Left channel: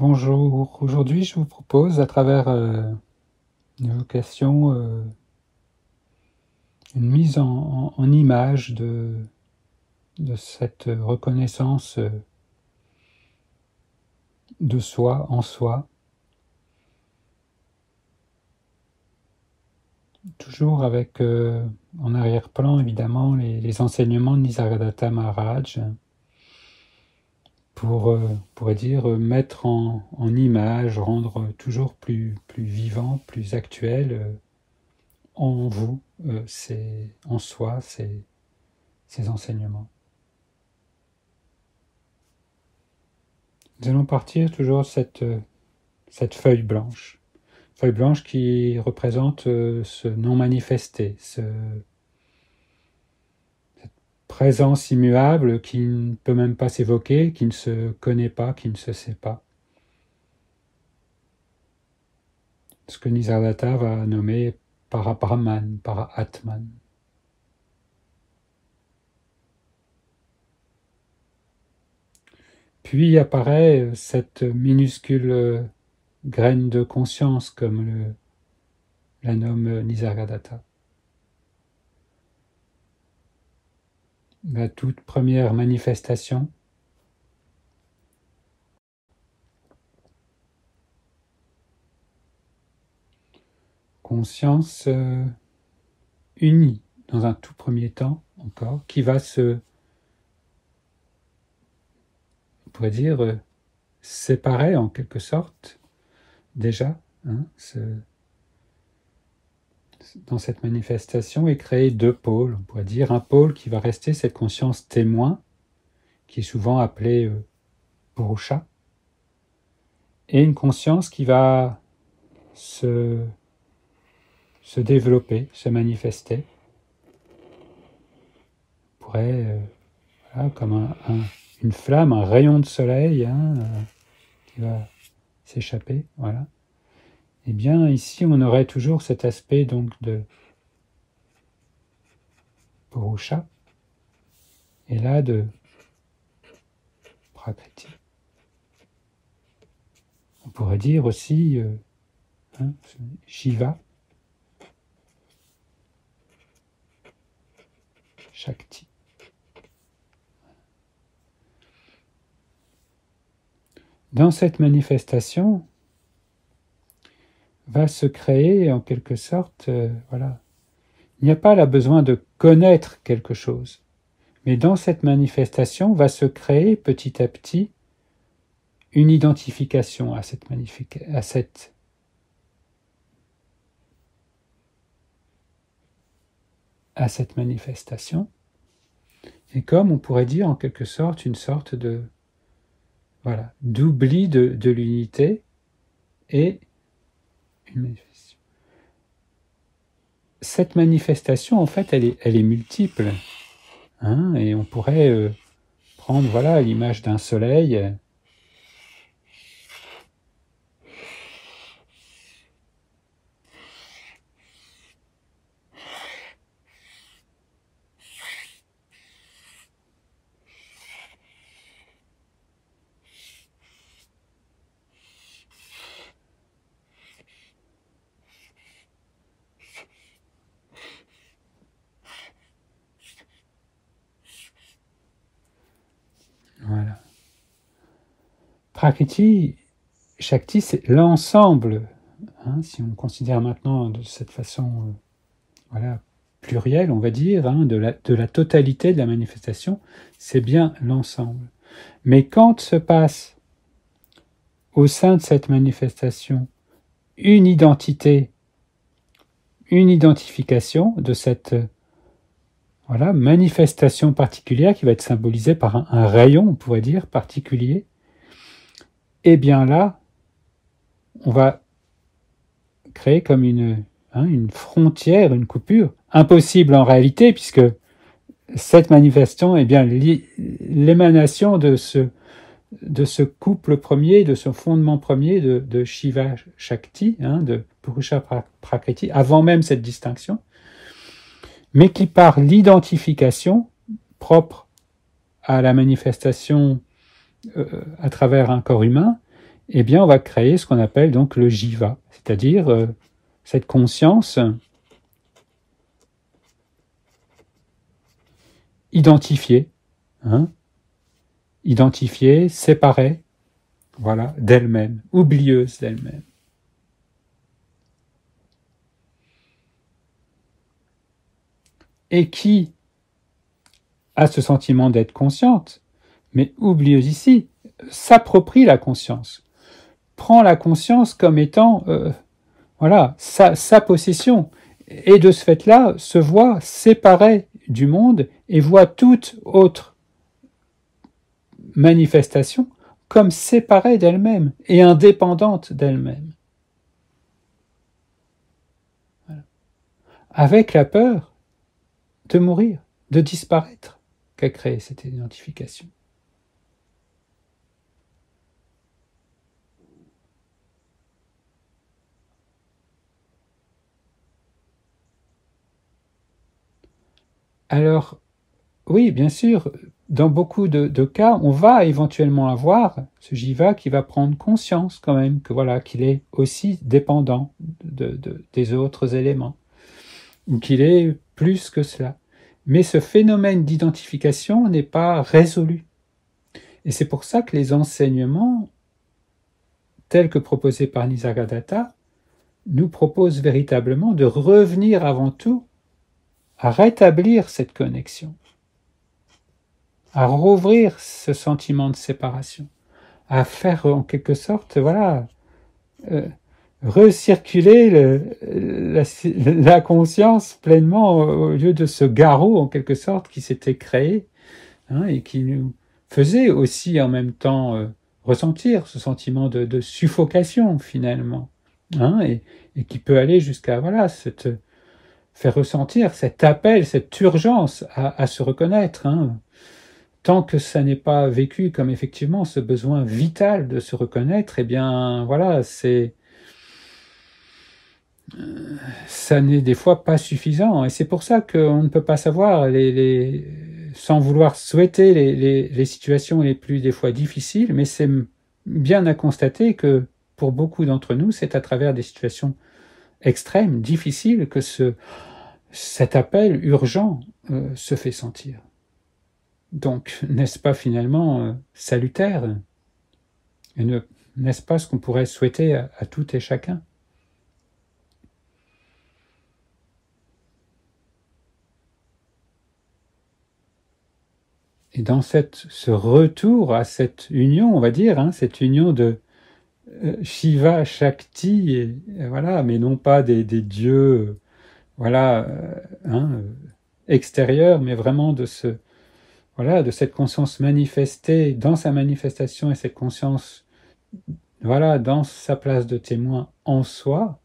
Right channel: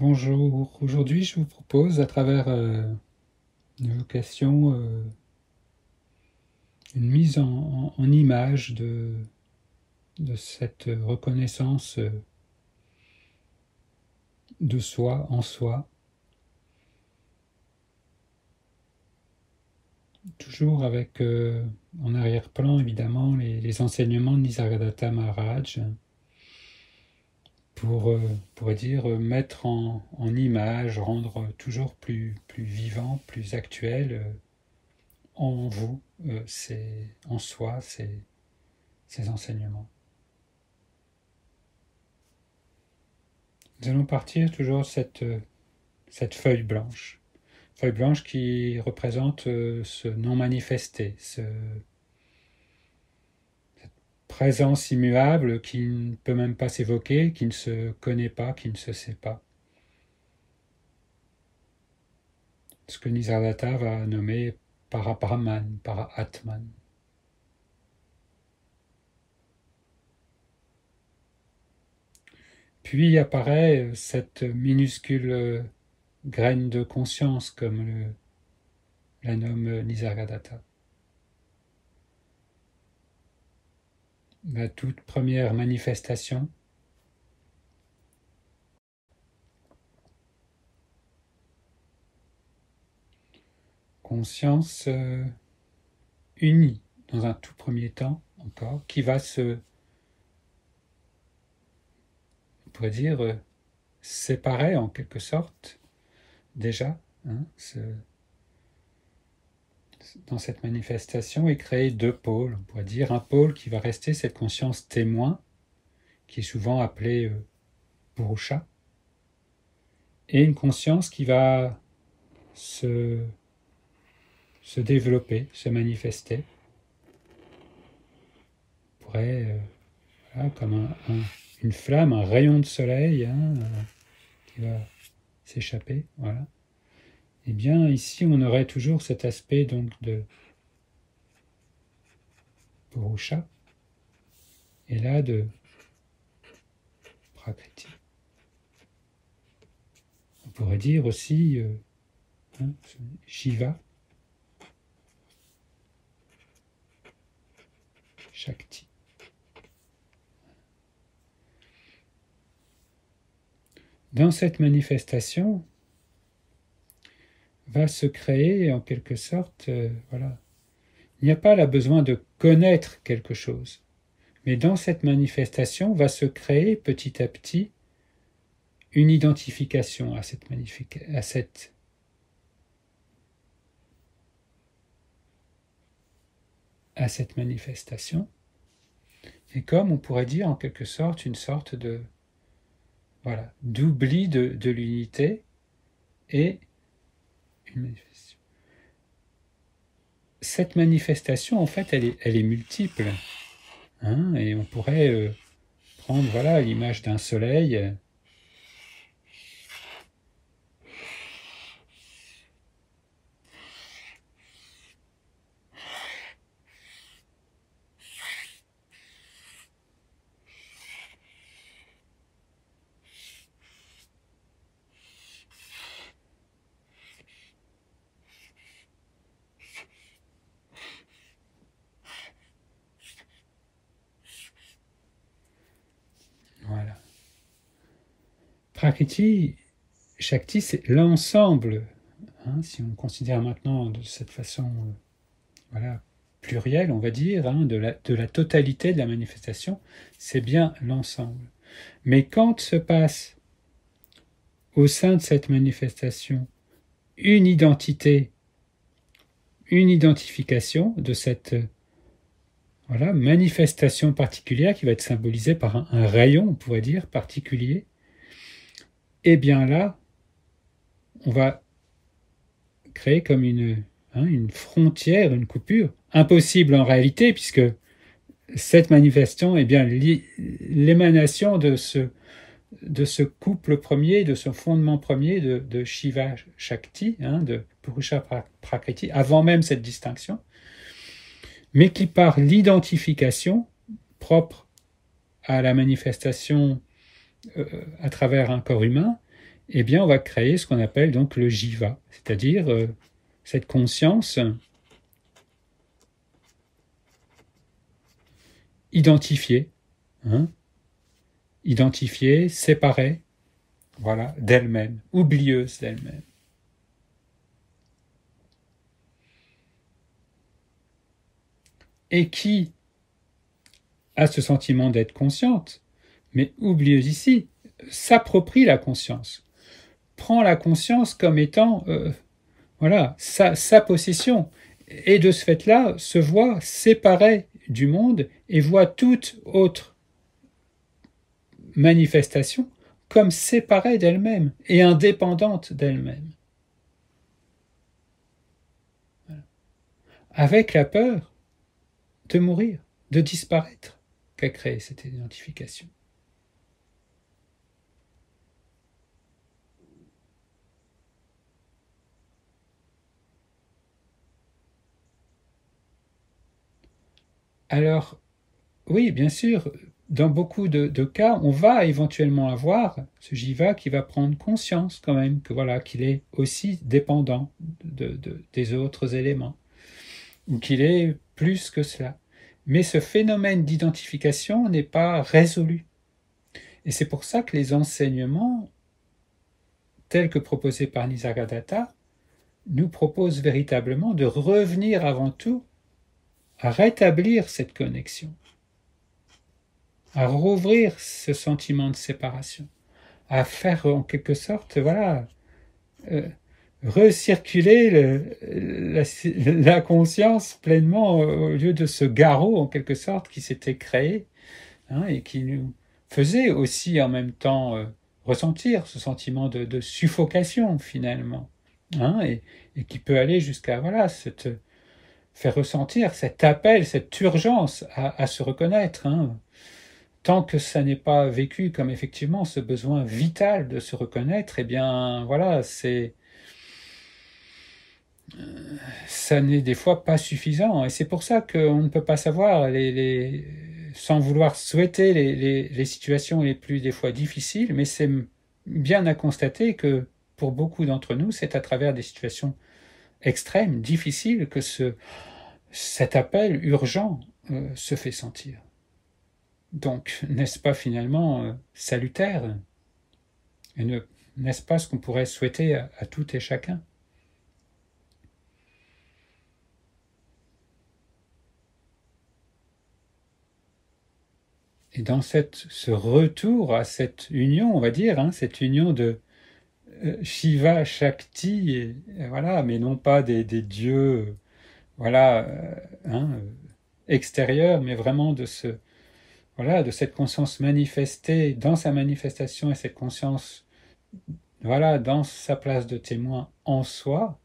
Bonjour, aujourd'hui je vous propose à travers une évocation, une mise en image de cette reconnaissance de soi en soi, toujours avec en arrière-plan évidemment les enseignements de Nisargadatta Maharaj pour, on pourrait dire, mettre en image, rendre toujours plus vivant, plus actuel en vous, en soi, ces enseignements. Nous allons partir toujours cette feuille blanche. Feuille blanche qui représente ce non manifesté, cette présence immuable qui ne peut même pas s'évoquer, qui ne se connaît pas, qui ne se sait pas. Ce que Nisargadatta va nommer Parabrahman, Para-Atman. Puis apparaît cette minuscule graine de conscience, comme la nomme Nisargadatta. La toute première manifestation, conscience unie dans un tout premier temps encore, qui va on pourrait dire, séparer en quelque sorte déjà dans cette manifestation et créer deux pôles. On pourrait dire un pôle qui va rester cette conscience témoin, qui est souvent appelée Purusha, et une conscience qui va se développer, se manifester. On pourrait, voilà, comme une flamme, un rayon de soleil qui va s'échapper, voilà. Eh bien, ici, on aurait toujours cet aspect donc de Purusha, et là de Prakriti. On pourrait dire aussi Shiva, Shakti. Dans cette manifestation, va se créer en quelque sorte, voilà. Il n'y a pas là besoin de connaître quelque chose, mais dans cette manifestation va se créer petit à petit une identification à cette manifestation, et comme on pourrait dire en quelque sorte une sorte de d'oubli de l'unité et une manifestation. Cette manifestation, en fait, elle est multiple, et on pourrait prendre l'image d'un soleil. Voilà. Prakriti, Shakti, c'est l'ensemble. Si on considère maintenant de cette façon, plurielle, on va dire, de la totalité de la manifestation, c'est bien l'ensemble. Mais quand se passe au sein de cette manifestation une identité, une identification de cette manifestation particulière qui va être symbolisée par un rayon, on pourrait dire, particulier, et bien là, on va créer comme une frontière, une coupure, impossible en réalité, puisque cette manifestation est bien l'émanation de ce couple premier, de ce fondement premier de Shiva Shakti, de Purusha Prakriti, avant même cette distinction, mais qui par l'identification propre à la manifestation à travers un corps humain, eh bien on va créer ce qu'on appelle donc le jiva, c'est-à-dire cette conscience identifiée, hein, identifiée, séparée, voilà, d'elle-même, oublieuse d'elle-même. Et qui a ce sentiment d'être consciente, mais oublieuse ici, s'approprie la conscience, prend la conscience comme étant voilà, sa possession, et de ce fait-là se voit séparée du monde et voit toute autre manifestation comme séparée d'elle-même et indépendante d'elle-même. Voilà. Avec la peur de mourir, de disparaître, qu'a créé cette identification. Alors, oui, bien sûr, dans beaucoup de cas, on va éventuellement avoir ce jiva qui va prendre conscience quand même que voilà, qu'il est aussi dépendant des autres éléments, ou qu'il est plus que cela. Mais ce phénomène d'identification n'est pas résolu. Et c'est pour ça que les enseignements, tels que proposés par Nisargadatta, nous proposent véritablement de revenir avant tout à rétablir cette connexion, à rouvrir ce sentiment de séparation, à faire en quelque sorte, voilà, recirculer la conscience pleinement au lieu de ce garrot en quelque sorte qui s'était créé, hein, et qui nous faisait aussi en même temps ressentir ce sentiment de suffocation finalement, hein, et qui peut aller jusqu'à voilà faire ressentir cet appel, cette urgence à se reconnaître, hein. Tant que ça n'est pas vécu comme effectivement ce besoin vital de se reconnaître, eh bien voilà, ça n'est des fois pas suffisant. Et c'est pour ça qu'on ne peut pas savoir, sans vouloir souhaiter les situations les plus des fois difficiles, mais c'est bien à constater que pour beaucoup d'entre nous, c'est à travers des situations extrêmes, difficiles, que cet appel urgent se fait sentir. Donc, n'est-ce pas finalement salutaire? Et n'est-ce pas ce qu'on pourrait souhaiter à tout et chacun? Et dans ce retour à cette union, on va dire, hein, cette union de Shiva, Shakti, et voilà, mais non pas des dieux, voilà, hein, extérieurs, mais vraiment voilà, de cette conscience manifestée dans sa manifestation et cette conscience, voilà, dans sa place de témoin en soi,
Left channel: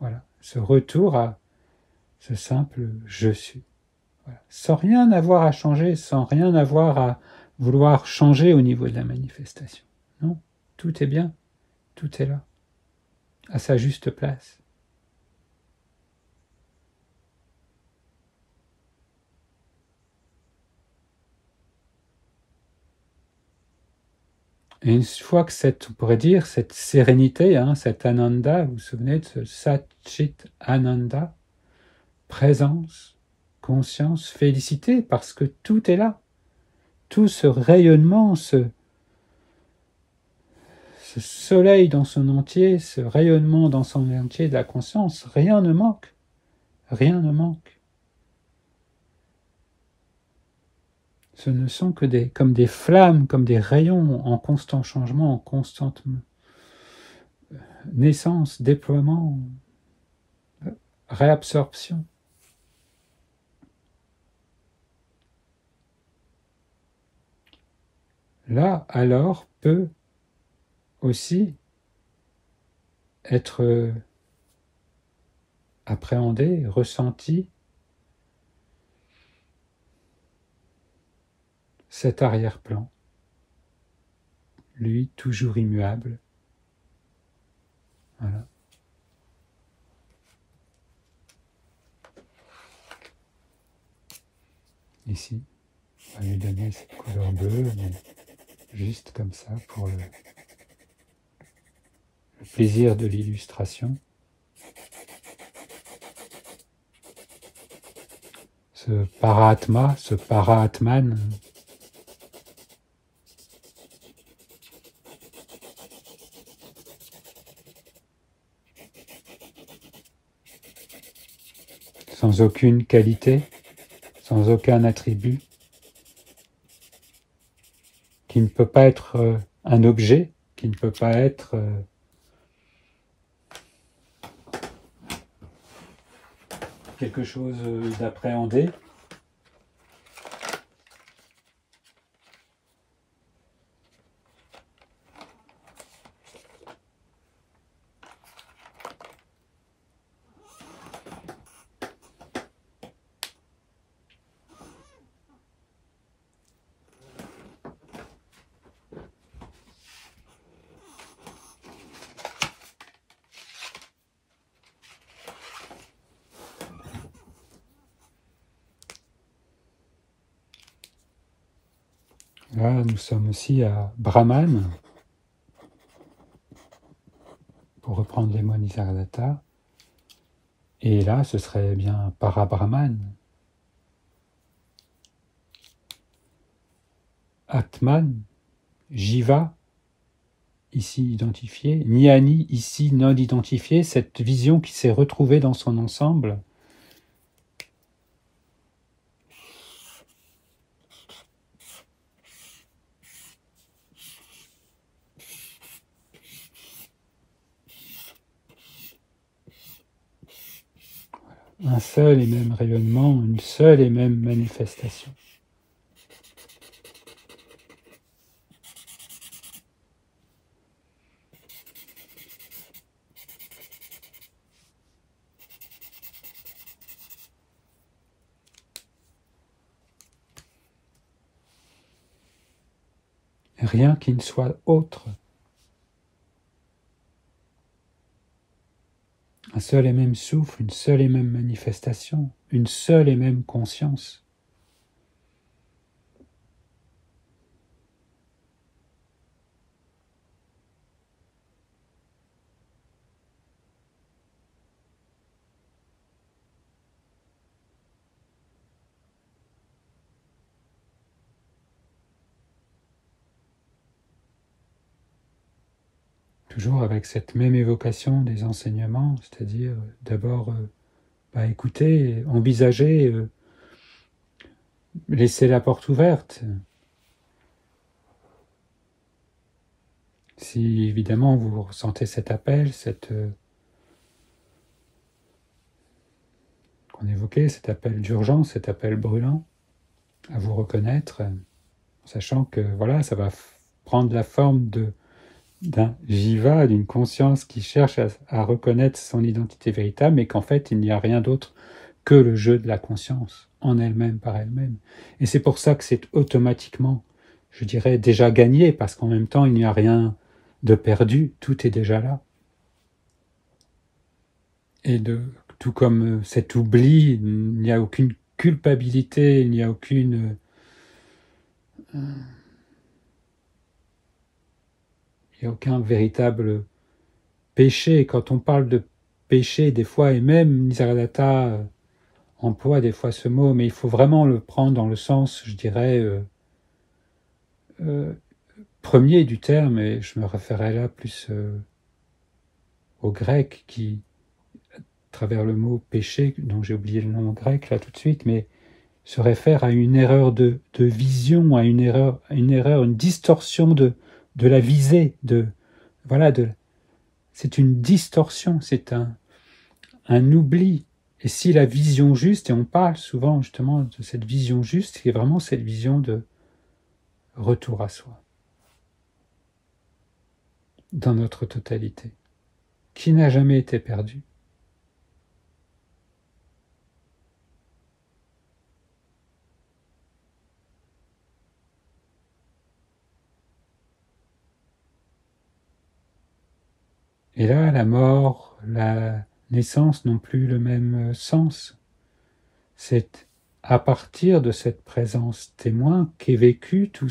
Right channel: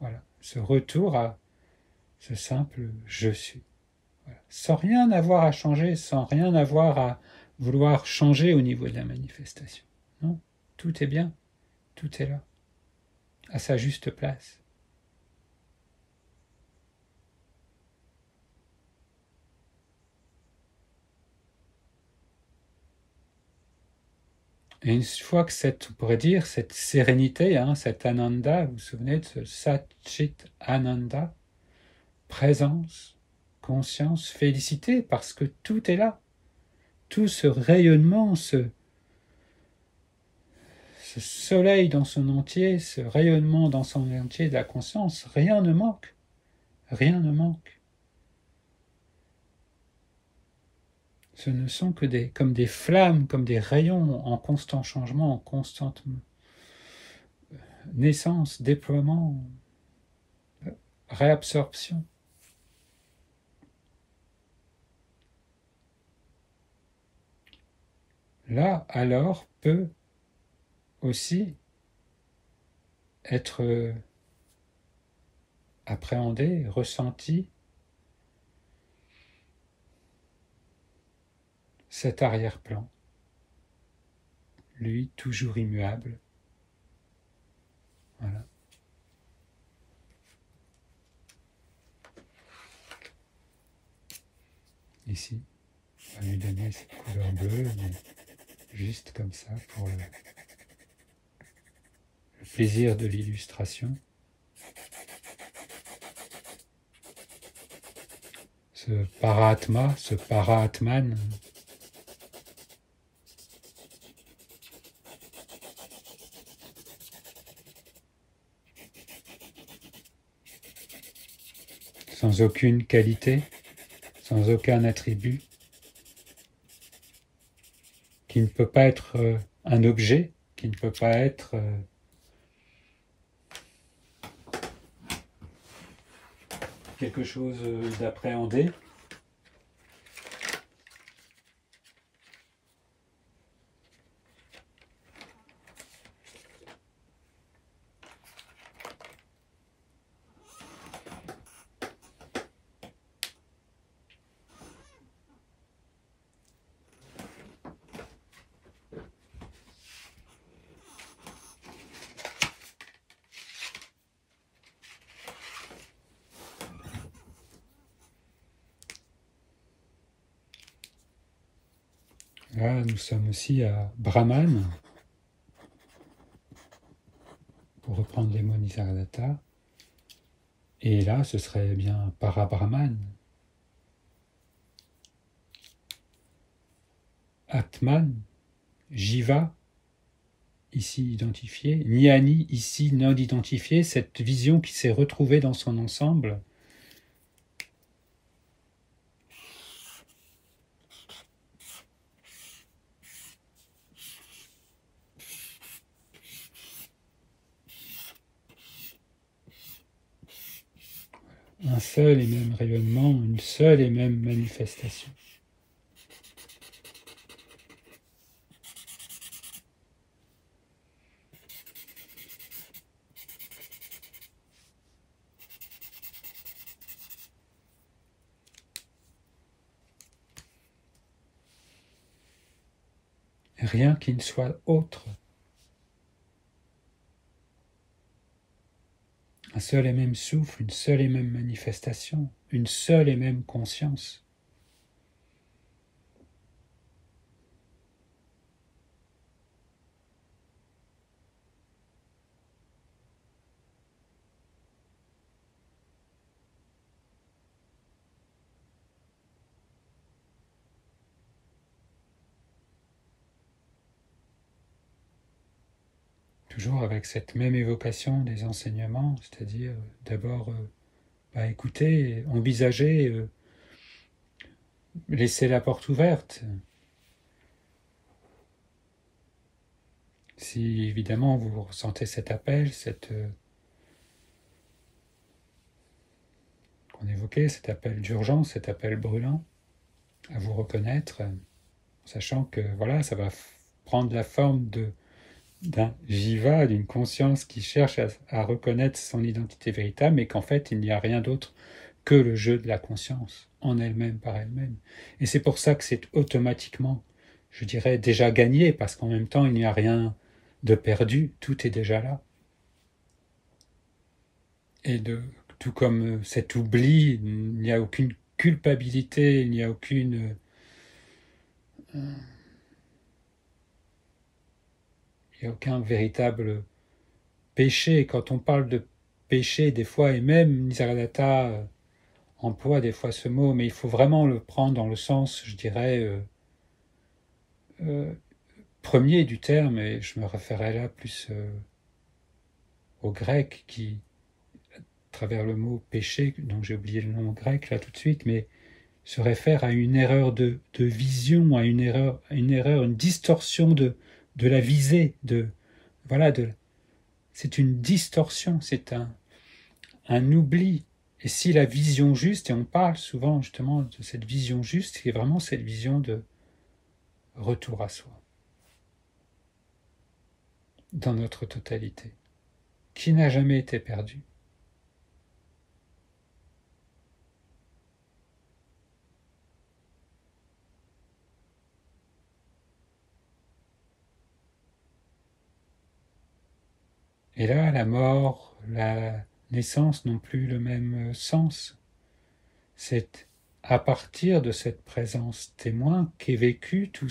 voilà, ce retour à ce simple je suis. Voilà. Sans rien avoir à changer, sans rien avoir à vouloir changer au niveau de la manifestation. Non, tout est bien, tout est là, à sa juste place. Et une fois que on pourrait dire, cette sérénité, hein, cet ananda, vous vous souvenez de ce Satchit Ananda, présence, conscience, félicité, parce que tout est là. Tout ce rayonnement, ce soleil dans son entier, ce rayonnement dans son entier de la conscience, rien ne manque. Rien ne manque. Ce ne sont que comme des flammes, comme des rayons en constant changement, en constante naissance, déploiement, réabsorption. Là, alors, peut aussi être appréhendé, ressenti cet arrière-plan, lui toujours immuable. Voilà. Ici, on va lui donner cette couleur bleue, mais juste comme ça pour le plaisir de l'illustration. Ce Paraatma, ce Paraatman, sans aucune qualité, sans aucun attribut, qui ne peut pas être un objet, qui ne peut pas être quelque chose d'appréhendé. Là, nous sommes aussi à Brahman, pour reprendre les mots Nisargadatta. Et là, ce serait bien Parabrahman. Atman, Jiva, ici identifié, Jnani, ici non identifié, cette vision qui s'est retrouvée dans son ensemble. Un seul et même rayonnement, une seule et même manifestation. Rien qui ne soit autre. Un seul et même souffle, une seule et même manifestation, une seule et même conscience. Toujours avec cette même évocation des enseignements, c'est-à-dire d'abord écouter, envisager, laisser la porte ouverte. Si évidemment vous ressentez cet appel, qu'on évoquait, cet appel d'urgence, cet appel brûlant, à vous reconnaître, sachant que voilà, ça va prendre la forme d'un jiva, d'une conscience qui cherche à reconnaître son identité véritable, mais qu'en fait il n'y a rien d'autre que le jeu de la conscience, en elle-même, par elle-même. Et c'est pour ça que c'est automatiquement, je dirais, déjà gagné, parce qu'en même temps il n'y a rien de perdu, tout est déjà là. Et tout comme cet oubli, il n'y a aucune culpabilité, il n'y a aucune... il n'y a aucun véritable péché. Quand on parle de péché, des fois, et même Nisargadatta emploie des fois ce mot, mais il faut vraiment le prendre dans le sens, je dirais, premier du terme, et je me référais là plus au grec qui, à travers le mot péché, dont j'ai oublié le nom grec là tout de suite, mais se réfère à une erreur de vision, à une distorsion de la visée, voilà, c'est une distorsion, c'est un oubli. Et si la vision juste, et on parle souvent justement de cette vision juste, c'est vraiment cette vision de retour à soi, dans notre totalité, qui n'a jamais été perdue. Et là, la mort, la naissance n'ont plus le même sens. C'est à partir de cette présence témoin qu'est vécu toute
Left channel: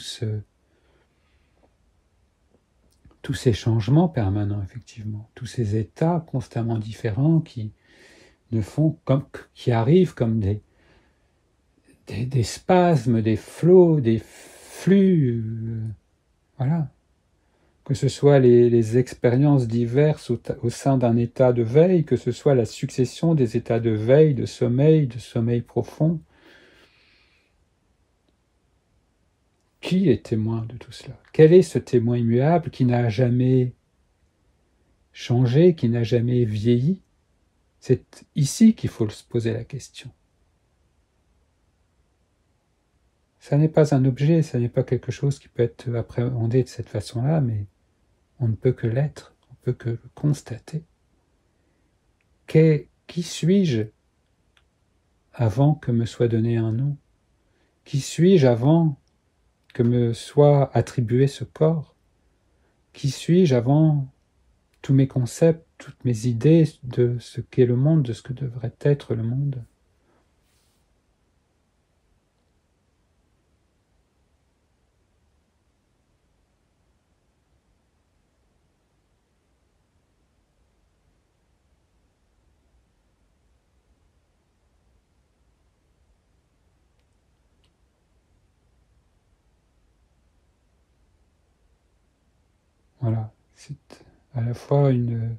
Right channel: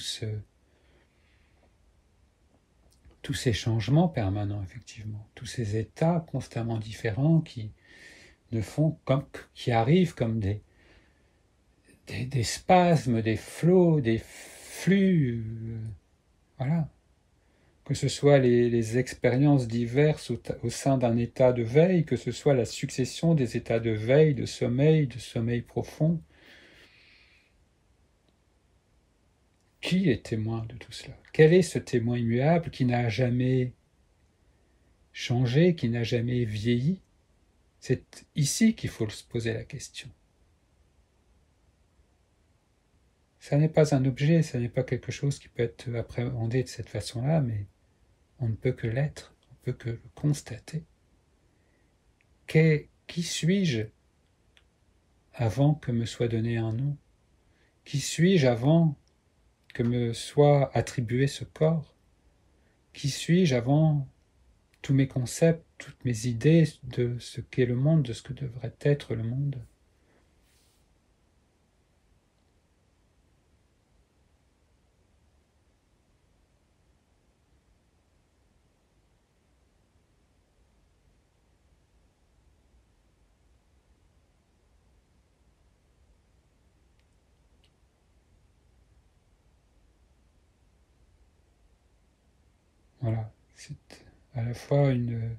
tous ces changements permanents, effectivement, tous ces états constamment différents qui ne font comme, qui arrivent comme des spasmes, des flots, des flux, voilà. Que ce soit les expériences diverses au sein d'un état de veille, que ce soit la succession des états de veille, de sommeil profond. Qui est témoin de tout cela? Quel est ce témoin immuable qui n'a jamais changé, qui n'a jamais vieilli? C'est ici qu'il faut se poser la question. Ça n'est pas un objet, ça n'est pas quelque chose qui peut être appréhendé de cette façon-là, mais on ne peut que l'être, on ne peut que le constater. Qui suis-je avant que me soit donné un nom? Qui suis-je avant que me soit attribué ce corps? Qui suis-je avant tous mes concepts, toutes mes idées de ce qu'est le monde, de ce que devrait être le monde? Voilà, c'est à la fois on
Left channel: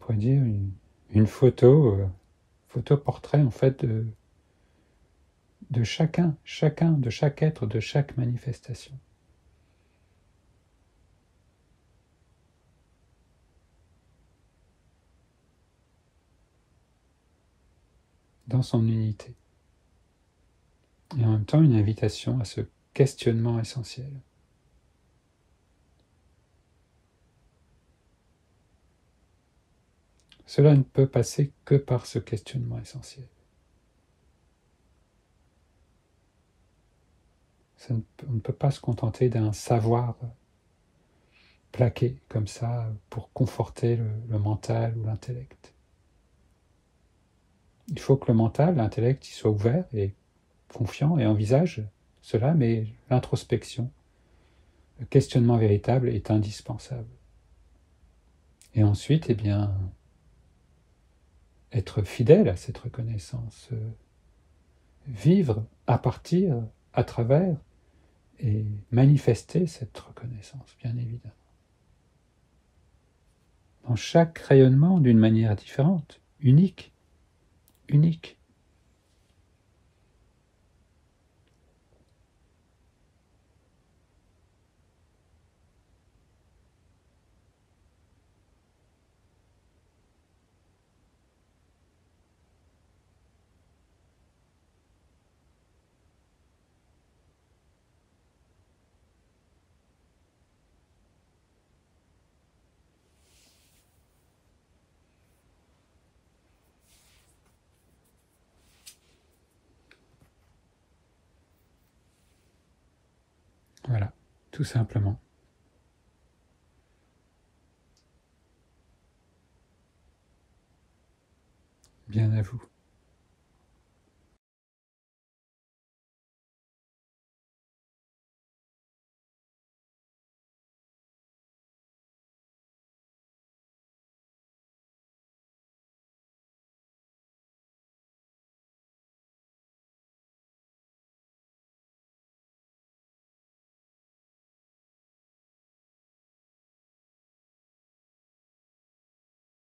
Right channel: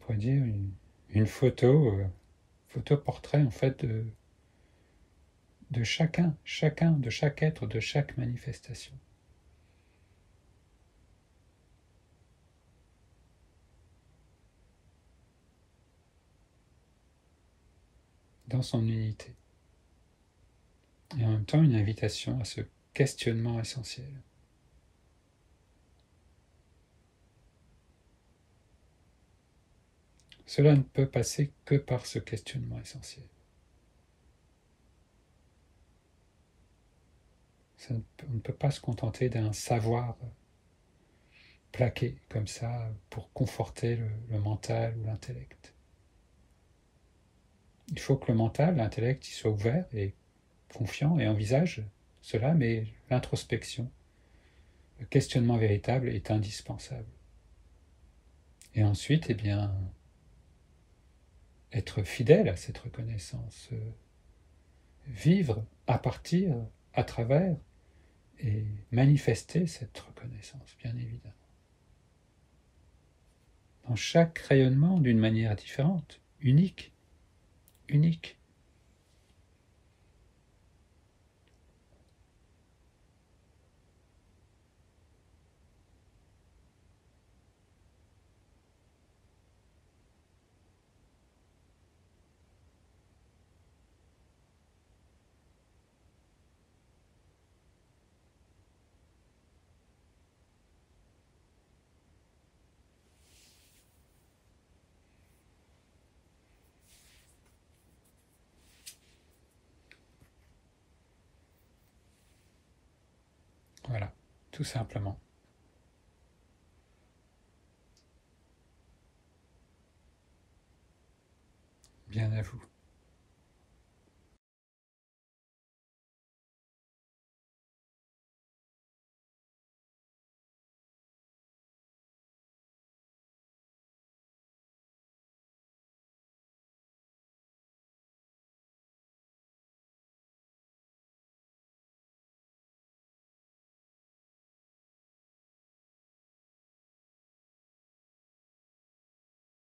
pourrait dire une photo, photo-portrait en fait de chacun, de chaque être, de chaque manifestation. Dans son unité. Et en même temps une invitation à ce questionnement essentiel. Cela ne peut passer que par ce questionnement essentiel. On ne peut pas se contenter d'un savoir plaqué comme ça pour conforter le mental ou l'intellect. Il faut que le mental, l'intellect, il soit ouvert et confiant et envisage cela, mais l'introspection, le questionnement véritable est indispensable. Et ensuite, eh bien, être fidèle à cette reconnaissance, vivre à partir, à travers, et manifester cette reconnaissance, bien évidemment. Dans chaque rayonnement d'une manière différente, unique, unique. Voilà, tout simplement. Bien à vous.